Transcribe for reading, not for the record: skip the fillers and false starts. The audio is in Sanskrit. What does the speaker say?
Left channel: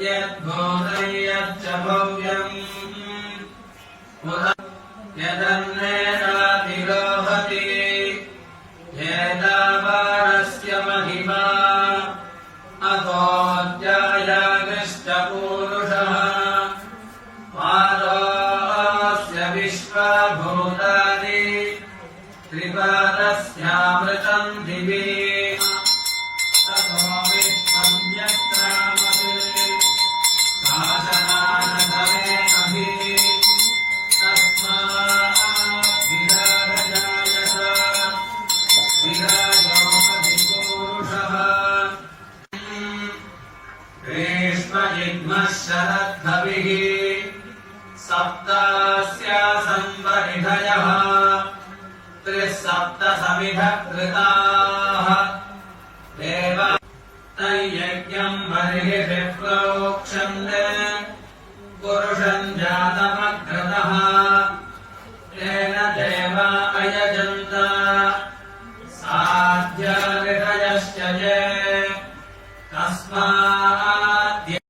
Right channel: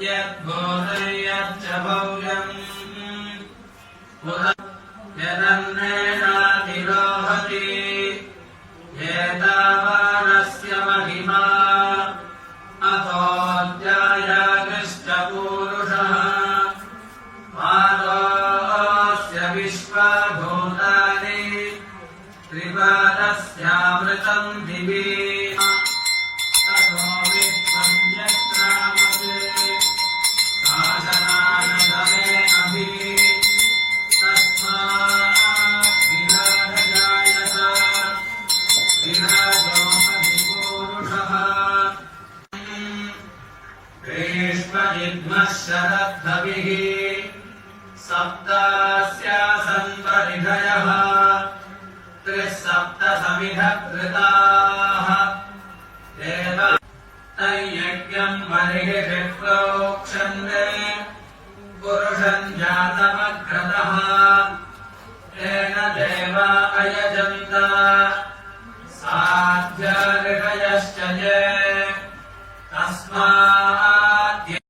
यद्भूतं यच्च भव्यम् यदन्नेनातिरोहति एतावानस्य महिमा अतोऽध्यायागश्च पूरुषः पादोऽस्य विश्वभूतानि त्रिपादस्यामृतम् दिवि ततो वित्पञ्चक्रामते शासनानधरे अभि तस्मात् विराजजायत विराजोपधिपूरुषः ग्रीष्मजिह्मः शरद्धविः सप्तास्यासन् परिधयः त्रिसप्तसमिधः कृताः देव तैयज्ञम् बर्हिषि प्रोक्षन्ते पुरुषम् जातमग्रतः तेन देवा अयजन्त